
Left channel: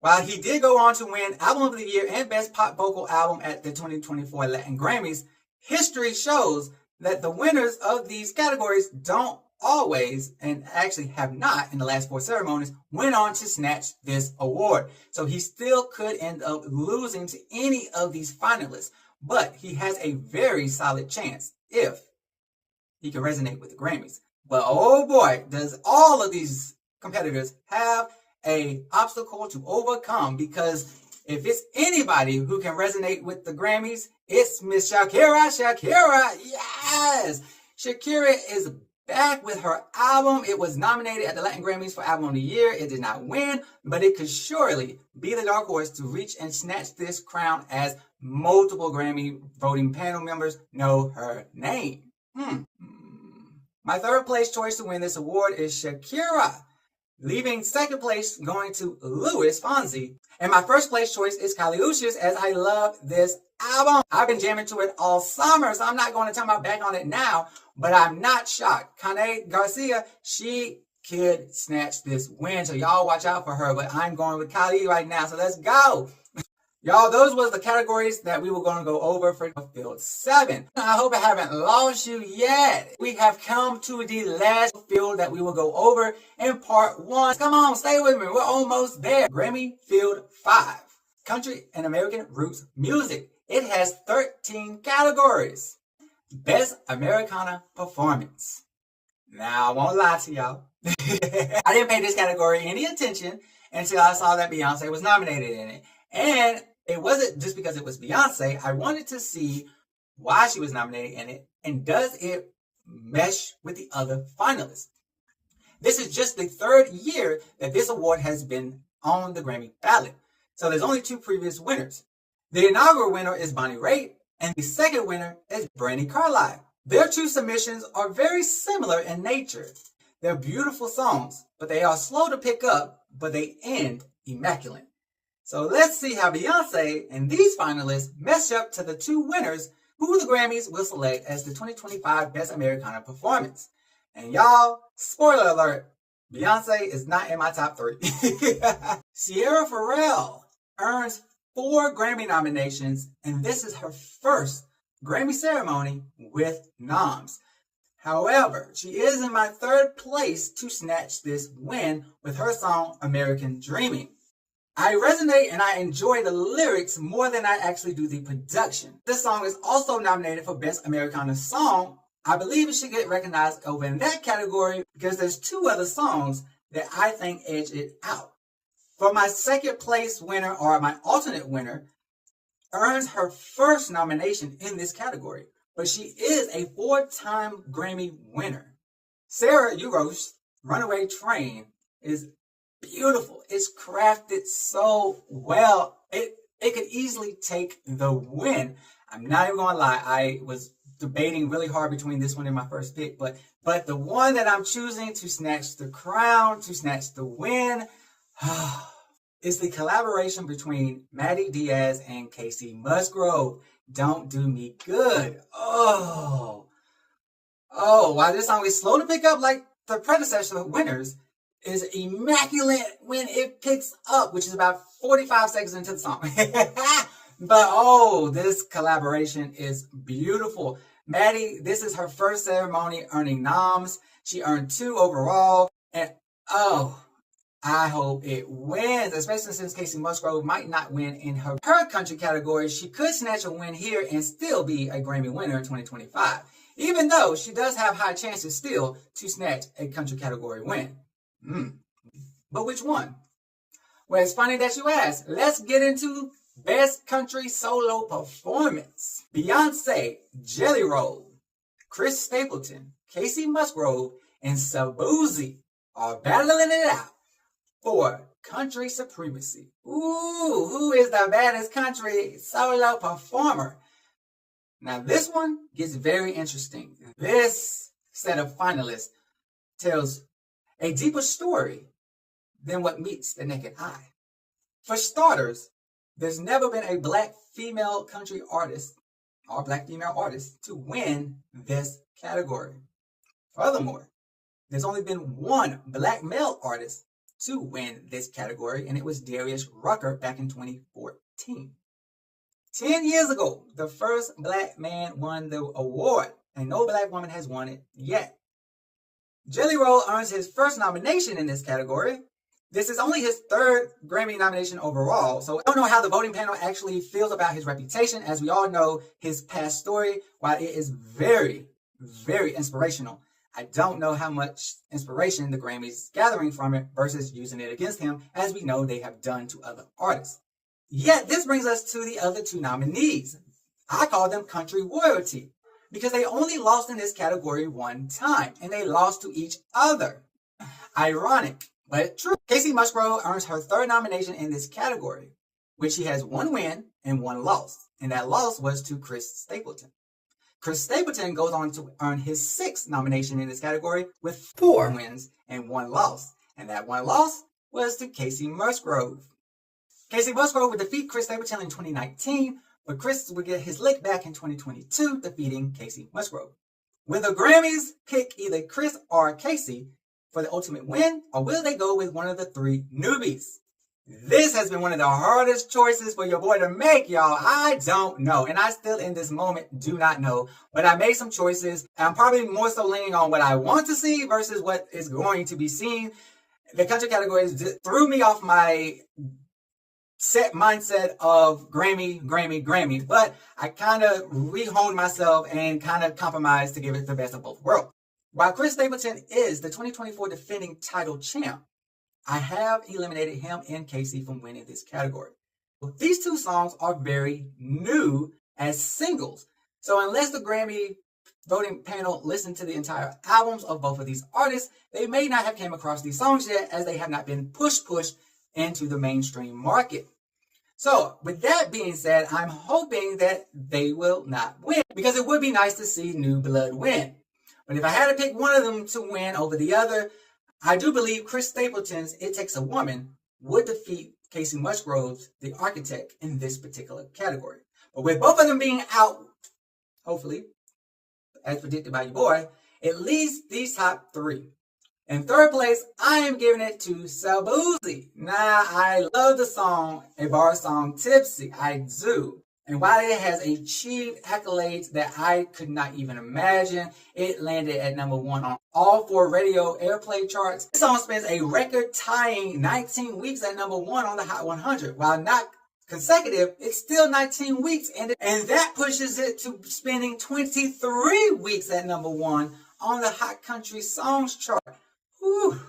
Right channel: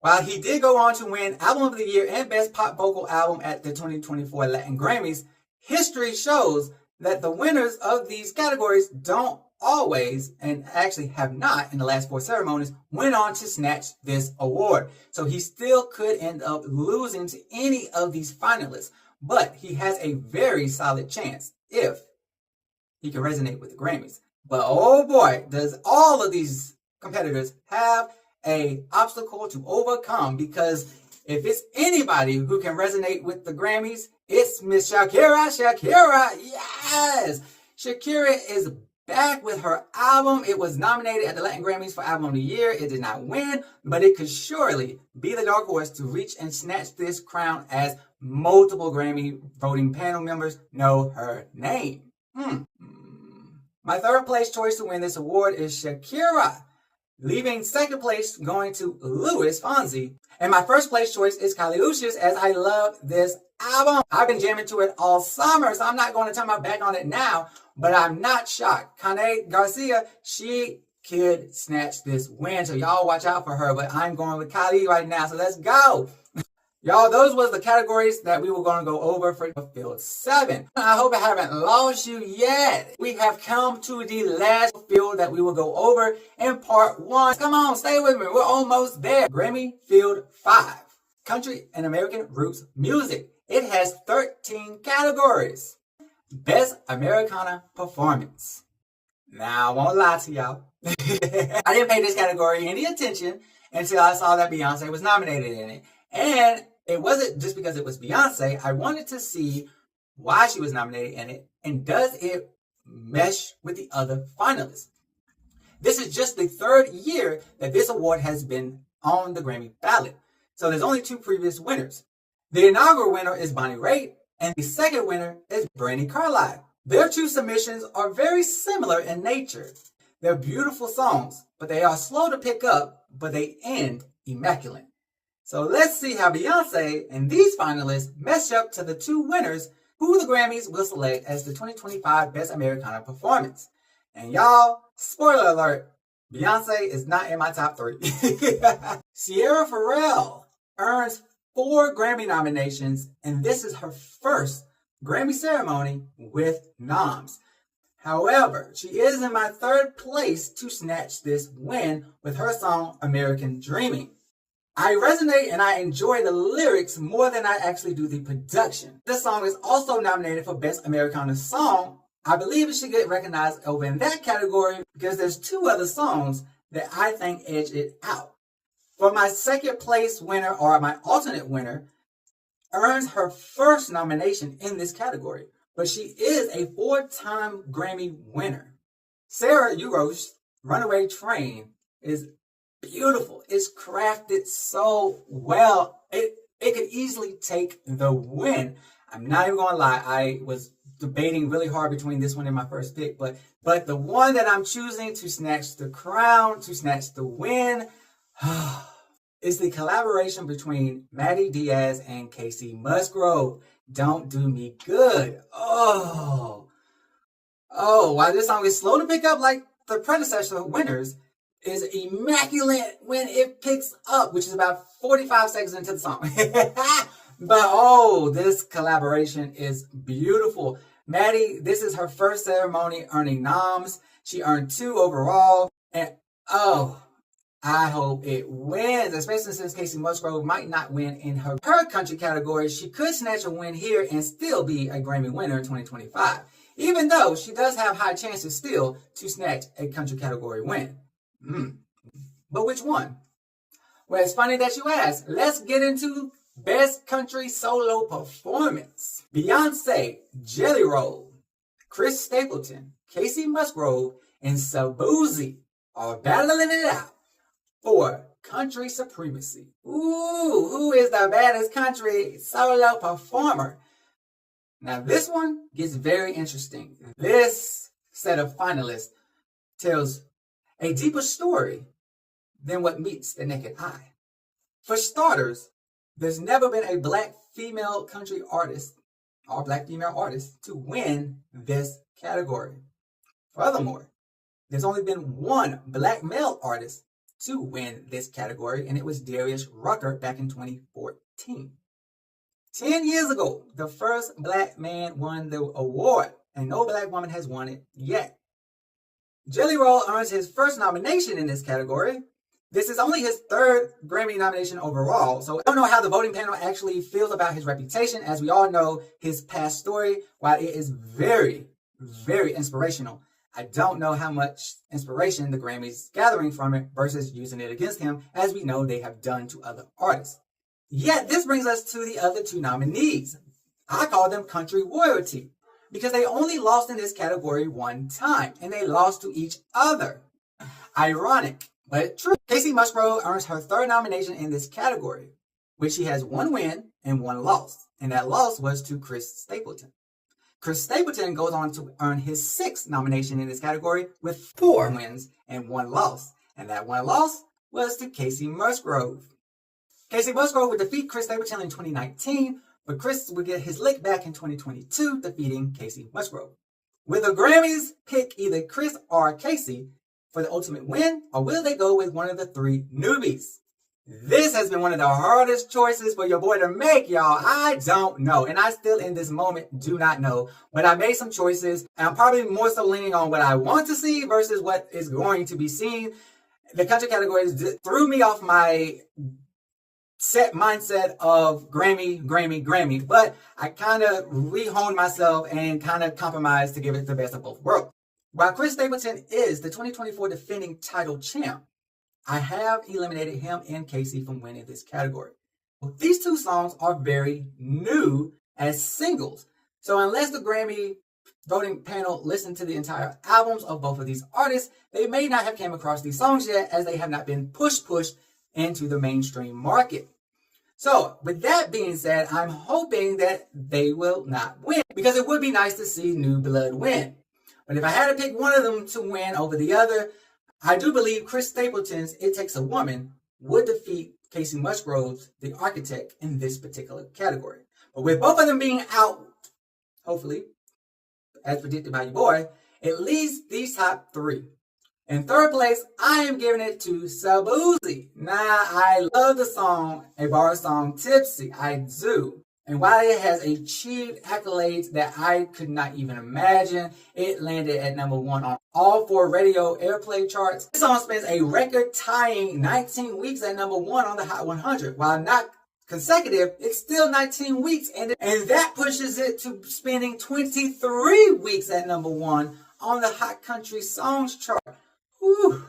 While he did go on to win Album of the Year and Best Pop Vocal Album at the 2024 Latin Grammys, history shows that the winners of these categories don't always, and actually have not in the last 4 ceremonies, went on to snatch this award. So he still could end up losing to any of these finalists, but he has a very solid chance if he can resonate with the Grammys. But oh boy, does all of these competitors have an obstacle to overcome, because if it's anybody who can resonate with the Grammys, it's Miss Shakira. Shakira, yes! Shakira is back with her album. It was nominated at the Latin Grammys for Album of the Year. It did not win, but it could surely be the dark horse to reach and snatch this crown, as multiple Grammy voting panel members know her name. My 3rd place choice to win this award is Shakira, leaving 2nd place going to Luis Fonsi. And my 1st place choice is Kali Uchis, as I love this album. I've been jamming to it all summer, so I'm not going to turn my back on it now, but I'm not shocked. Kali Garcia, she could snatch this win, so y'all watch out for her, but I'm going with Kali right now, so let's go. Y'all, those was the categories that we were going to go over for Field 7. I hope I haven't lost you yet. We have come to the last field that we will go over in part 1. Come on, stay with me. We're almost there. Grammy Field 5. Country and American Roots Music. It has 13 categories. Best Americana Performance. Now, I won't lie to y'all. I didn't pay this category any attention until I saw that Beyonce was nominated in it. And it wasn't just because it was Beyonce. I wanted to see why she was nominated in it, and does it mesh with the other finalists. This is just the 3rd year that this award has been on the Grammy ballot. So there's only 2 previous winners. The inaugural winner is Bonnie Raitt, and the second winner is Brandi Carlile. Their 2 submissions are very similar in nature. They're beautiful songs, but they are slow to pick up, but they end immaculate. So let's see how Beyonce and these finalists mesh up to the 2 winners who the Grammys will select as the 2025 Best Americana Performance. And y'all, spoiler alert, Beyonce is not in my top 3. Sierra Farrell earns 4 Grammy nominations, and this is her first Grammy ceremony with noms. However, she is in my 3rd place to snatch this win with her song American Dreaming. I resonate and I enjoy the lyrics more than I actually do the production. This song is also nominated for Best Americana Song. I believe it should get recognized over in that category because there's 2 other songs that I think edge it out. For my 2nd place winner, or my alternate winner, earns her first nomination in this category, but she is a 4-time Grammy winner. Sarah Uro's Runaway Train is beautiful. It's crafted so well. It could easily take the win. I'm not even gonna lie. I was debating really hard between this one and my first pick, but the one that I'm choosing to snatch the crown, to snatch the win, is the collaboration between Maddie Diaz and Casey Musgrove. Don't Do Me Good. Oh, while this song is slow to pick up like the predecessor winners, is immaculate when it picks up, which is about 45 seconds into the song. But this collaboration is beautiful. Maddie, this is her first ceremony earning noms. She earned 2 overall. And I hope it wins, especially since Casey Musgrove might not win in her country category. She could snatch a win here and still be a Grammy winner in 2025, even though she does have high chances still to snatch a country category win. But which one? Well, it's funny that you ask. Let's get into Best Country Solo Performance. Beyonce, Jelly Roll, Chris Stapleton, Casey Musgrove, and Shaboozey are battling it out for country supremacy. Ooh, who is the baddest country solo performer? Now this one gets very interesting. This set of finalists tells a deeper story than what meets the naked eye. For starters, there's never been a Black female country artist or Black female artist to win this category. Furthermore, there's only been 1 Black male artist to win this category, and it was Darius Rucker back in 2014. 10 years ago, the first Black man won the award, and no Black woman has won it yet. Jelly Roll earns his first nomination in this category. This is only his 3rd Grammy nomination overall, so I don't know how the voting panel actually feels about his reputation. As we all know, his past story, while it is very, very inspirational, I don't know how much inspiration the Grammys gathering from it versus using it against him, as we know they have done to other artists. Yet this brings us to the other 2 nominees. I call them country royalty because they only lost in this category 1 time, and they lost to each other. Ironic, but true. Casey Musgrove earns her 3rd nomination in this category, which she has 1 win and 1 loss, and that loss was to Chris Stapleton. Chris Stapleton goes on to earn his 6th nomination in this category with 4 wins and 1 loss, and that 1 loss was to Casey Musgrove. Casey Musgrove would defeat Chris Stapleton in 2019, but Chris would get his lick back in 2022, defeating Casey Musgrove. Will the Grammys pick either Chris or Casey for the ultimate win, or will they go with one of the 3 newbies? This has been one of the hardest choices for your boy to make, y'all. I don't know, and I still in this moment do not know, but I made some choices. I'm probably more so leaning on what I want to see versus what is going to be seen. The country categories threw me off my set mindset of Grammy, but I kind of rehoned myself and kind of compromised to give it the best of both worlds. While Chris Stapleton is the 2024 defending title champ, I have eliminated him and Casey from winning this category. These 2 songs are very new as singles, so unless the Grammy voting panel listened to the entire albums of both of these artists, they may not have came across these songs yet, as they have not been pushed into the mainstream market. So, with that being said, I'm hoping that they will not win, because it would be nice to see New Blood win. But if I had to pick one of them to win over the other, I do believe Chris Stapleton's It Takes a Woman would defeat Casey Musgrove's The Architect in this particular category. But with both of them being out, hopefully, as predicted by your boy, it leaves these top three. In third place, I am giving it to Sabuzi. Now, I love the song, a bar song, Tipsy. I do. And while it has achieved accolades that I could not even imagine, it landed at number 1 on all 4 radio airplay charts. This song spends a record-tying 19 weeks at number 1 on the Hot 100. While not consecutive, it's still 19 weeks, and that pushes it to spending 23 weeks at number 1 on the Hot Country Songs chart. Whew.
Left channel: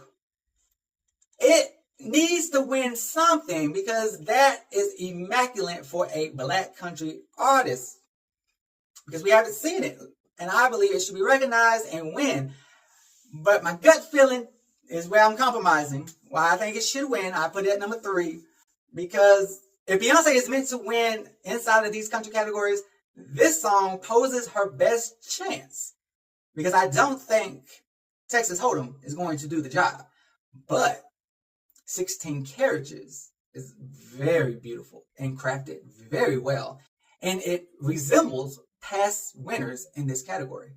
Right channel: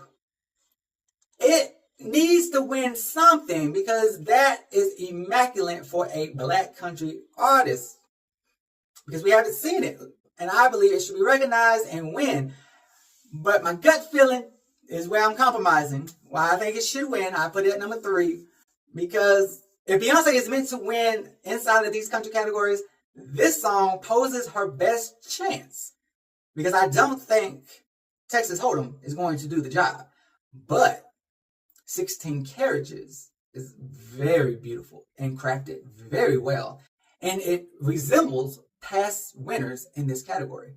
It needs to win something, because that is immaculate for a black country artist, because we haven't seen it, and I believe it should be recognized and win. But my gut feeling is where I'm compromising. Why I think it should win, I put it at number 3, because if Beyonce is meant to win inside of these country categories, this song poses her best chance, because I don't think Texas Hold'em is going to do the job. But 16 Carriages is very beautiful and crafted very well, and it resembles past winners in this category.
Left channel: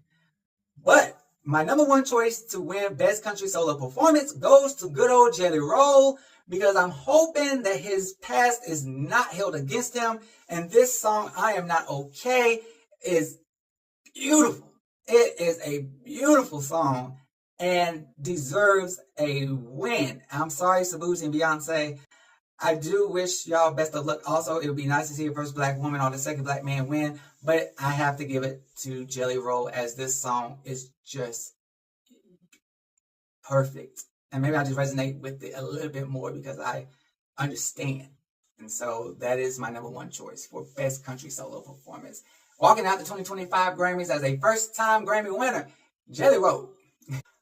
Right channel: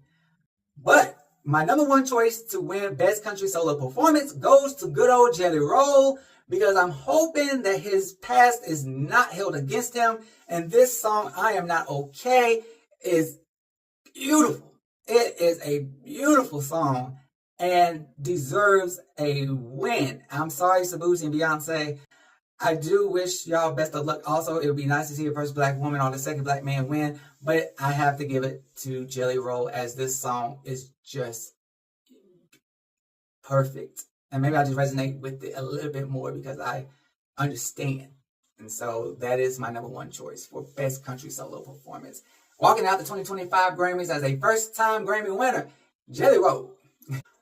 But my number 1 choice to win Best Country Solo Performance goes to good old Jelly Roll, because I'm hoping that his past is not held against him, and this song, I Am Not Okay, is beautiful. It is a beautiful song and deserves a win. I'm sorry, Sabuzi and Beyonce. I do wish y'all best of luck. Also, it would be nice to see a first black woman or the second black man win, but I have to give it to Jelly Roll, as this song is just perfect. And maybe I just resonate with it a little bit more because I understand. And so that is my number 1 choice for Best Country Solo Performance. Walking out the 2025 Grammys as a first-time Grammy winner, Jelly Roll.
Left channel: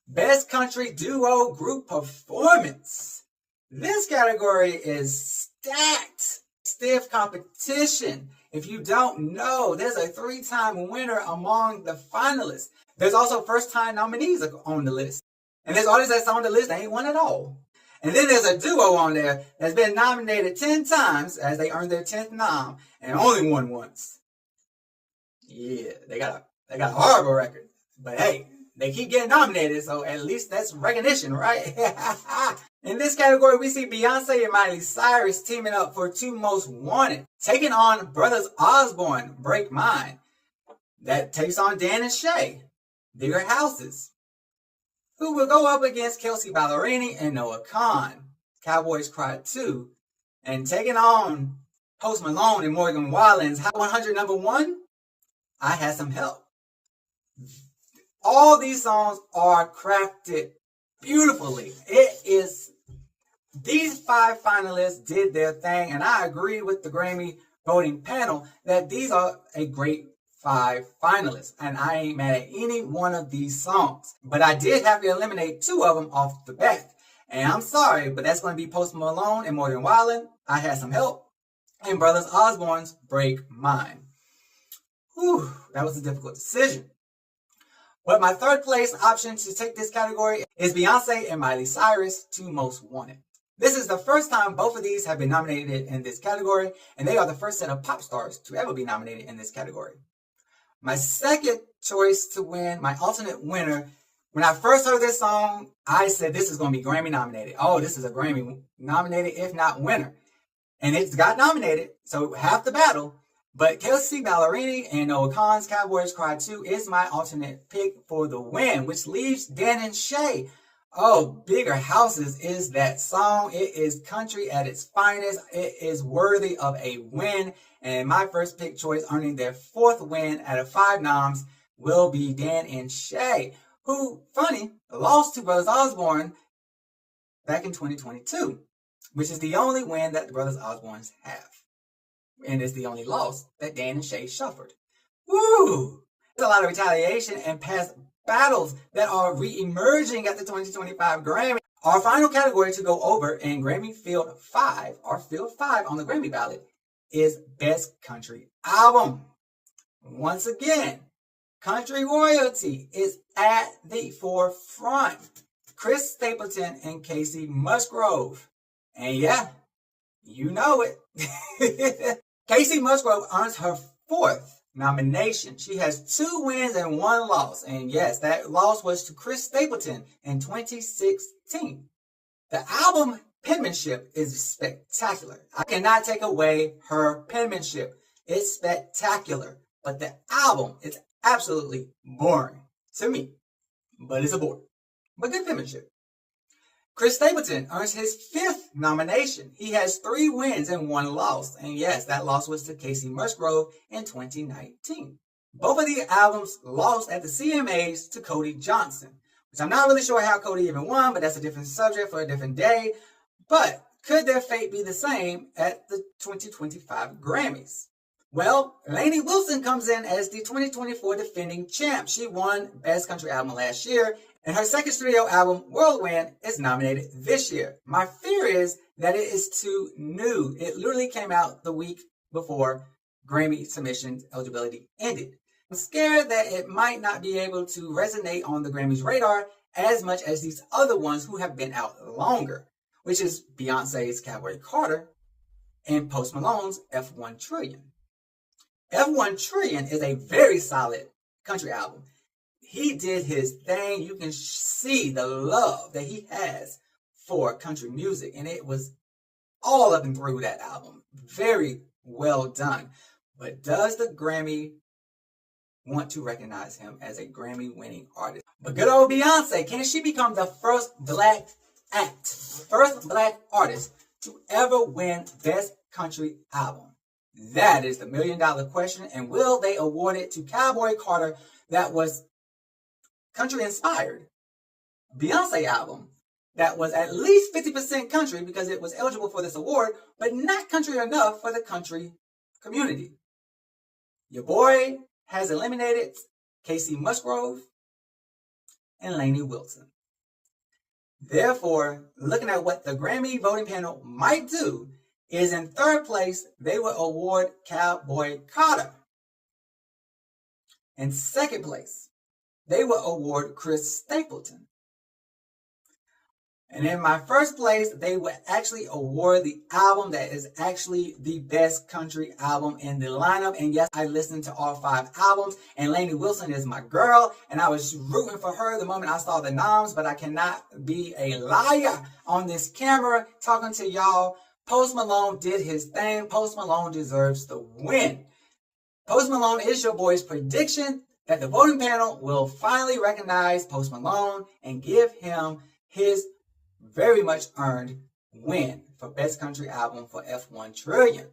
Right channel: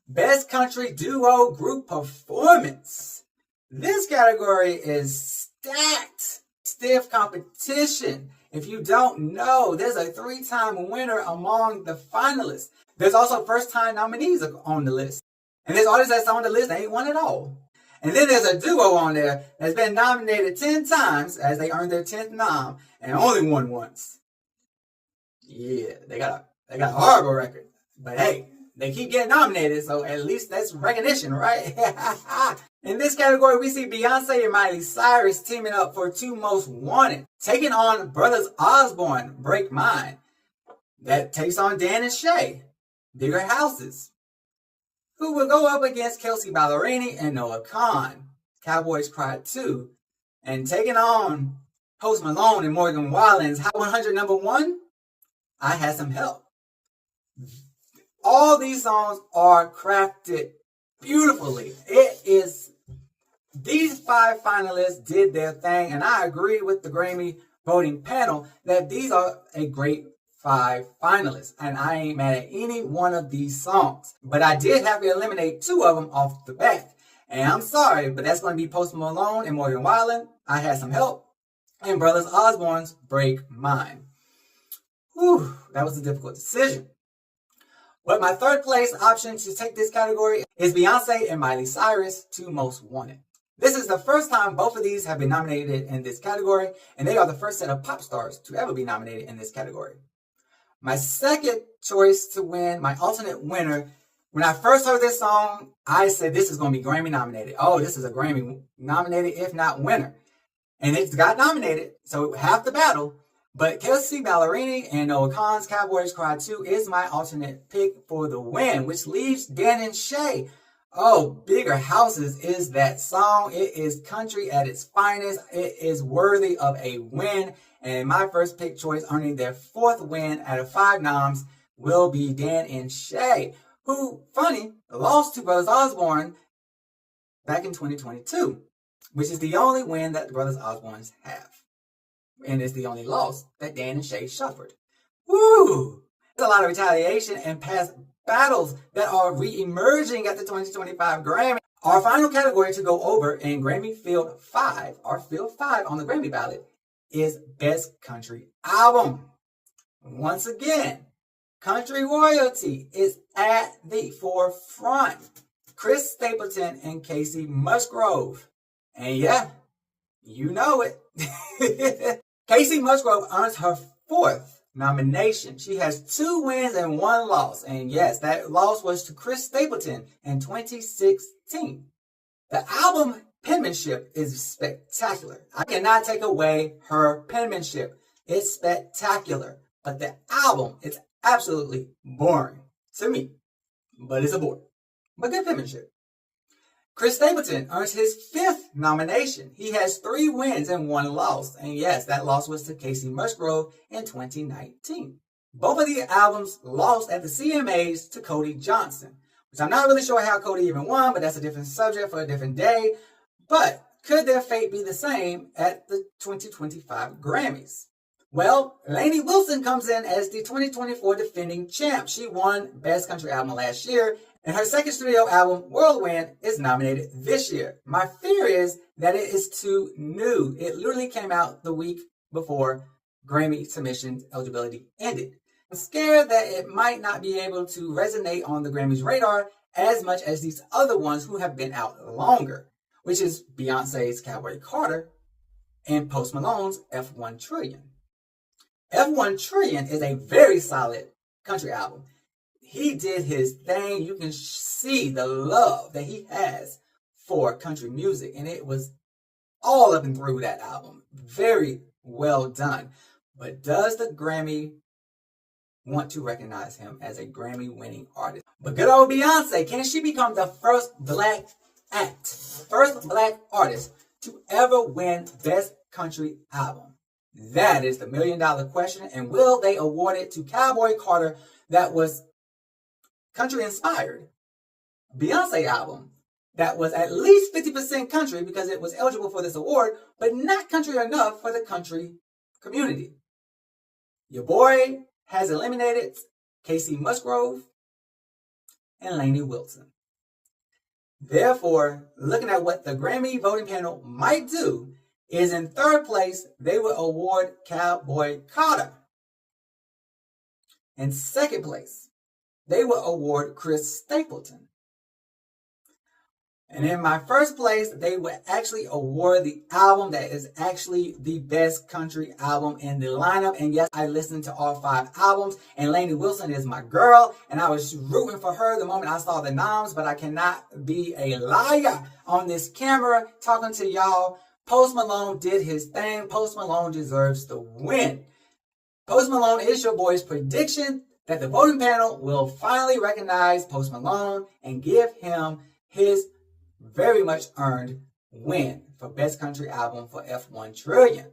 Best Country Duo Group Performance. This category is stacked. Stiff competition. If you don't know, there's a 3-time winner among the finalists. There's also first-time nominees on the list. And there's artists that's on the list that ain't won at all. And then there's a duo on there that's been nominated 10 times as they earned their 10th nom and only won once. Yeah, they got a horrible record. But hey, they keep getting nominated, so at least that's recognition, right? In this category, we see Beyonce and Miley Cyrus teaming up for 2 Most Wanted, taking on Brothers Osborne, Break Mine. That takes on Dan and Shay, Bigger Houses, who will go up against Kelsey Ballerini and Noah Kahan, Cowboys Cry 2, and taking on Post Malone and Morgan Wallen's Hot 100 number 1, I Had Some Help. All these songs are crafted beautifully. These 5 finalists did their thing, and I agree with the Grammy voting panel that these are a great 5 finalists, and I ain't mad at any one of these songs. But I did have to eliminate 2 of them off the bat, and I'm sorry, but that's going to be Post Malone and Morgan Wallen, I Had Some Help, and Brothers Osborne's Break Mine. Whew, that was a difficult decision. But my 3rd place option to take this category is Beyonce and Miley Cyrus, 2 Most Wanted. This is the first time both of these have been nominated in this category, and they are the first set of pop stars to ever be nominated in this category. My 2nd choice to win, my alternate winner, when I first heard this song, I said this is going to be Grammy nominated. Oh, this is a Grammy nominated, if not winner. And it's got nominated, so half the battle. But Kelsey Ballerini and Noah Kahan's Cowboys Cry 2 is my alternate pick for the win, which leaves Dan and Shay. Oh, Bigger Houses is that song. It is country at its finest. It is worthy of a win. And my first pick choice, earning their 4th win out of 5 noms, will be Dan and Shay, who, funny, lost to Brothers Osborne back in 2022, which is the only win that the Brothers Osbornes have. And it's the only loss that Dan and Shay suffered. Woo! There's a lot of retaliation and past battles that are re-emerging at the 2025 Grammy. Our final category to go over in Grammy Field 5, or Field 5 on the Grammy ballot, is Best Country Album. Once again, country royalty is at the forefront. Chris Stapleton and Casey Musgrove. And yeah, you know it. Casey Musgrove earns her 4th nomination. She has 2 wins and 1 loss. And yes, that loss was to Chris Stapleton in 2016. The album penmanship is spectacular. I cannot take away her penmanship. It's spectacular. But the album is absolutely boring to me. But it's a bore. But good penmanship. Chris Stapleton earns his 5th nomination. He has 3 wins and 1 loss. And yes, that loss was to Casey Musgrove in 2019. Both of the albums lost at the CMAs to Cody Johnson, which I'm not really sure how Cody even won, but that's a different subject for a different day. But could their fate be the same at the 2025 Grammys? Well, Lainey Wilson comes in as the 2024 defending champ. She won Best Country Album last year, and her 2nd studio album, Whirlwind, is nominated this year. My fear is that it is too new. It literally came out the week before Grammy submission eligibility ended. I'm scared that it might not be able to resonate on the Grammys radar as much as these other ones who have been out longer, which is Beyonce's Cowboy Carter and Post Malone's F1 Trillion. F1 Trillion is a very solid country album. He did his thing. You can see the love that he has for country music, and it was all up and through that album. Very well done. But does the Grammy want to recognize him as a Grammy-winning artist? But good old Beyonce, can she become the first black artist to ever win Best Country Album? That is the million-dollar question. And will they award it to Cowboy Carter, that was country-inspired Beyonce album that was at least 50% country because it was eligible for this award, but not country enough for the country community? Your boy has eliminated Casey Musgrove and Lainey Wilson. Therefore, looking at what the Grammy voting panel might do, is in 3rd place, they will award Cowboy Carter. In 2nd place, they will award Chris Stapleton. And in my 1st place, they will actually award the album that is actually the best country album in the lineup. And yes, I listened to all 5 albums, and Lainey Wilson is my girl, and I was rooting for her the moment I saw the noms, but I cannot be a liar on this camera talking to y'all. Post Malone did his thing. Post Malone deserves the win. Post Malone is your boy's prediction that the voting panel will finally recognize Post Malone and give him his very much earned win for Best Country Album for F1 Trillion.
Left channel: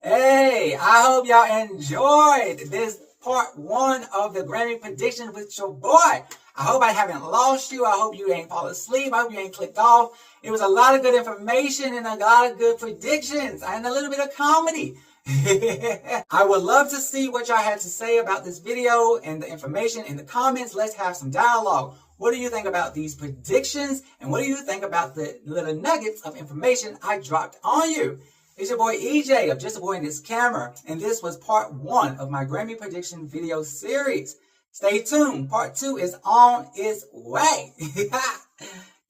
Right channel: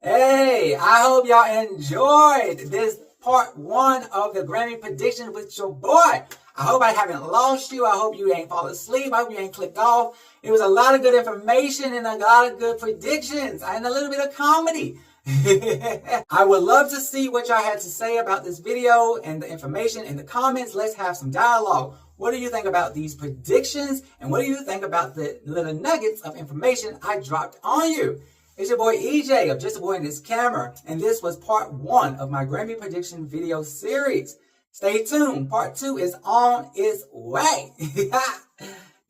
Hey, I hope y'all enjoyed this part 1 of the Grammy prediction with your boy. I hope I haven't lost you. I hope you ain't fall asleep. I hope you ain't clicked off. It was a lot of good information and a lot of good predictions and a little bit of comedy. I would love to see what y'all had to say about this video and the information in the comments. Let's have some dialogue. What do you think about these predictions? And what do you think about the little nuggets of information I dropped on you? It's your boy EJ of Justaboiandhiscamera, and this was part 1 of my Grammy prediction video series. Stay tuned. Part 2 is on its way.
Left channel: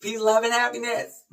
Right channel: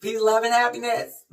Peace, love, and happiness.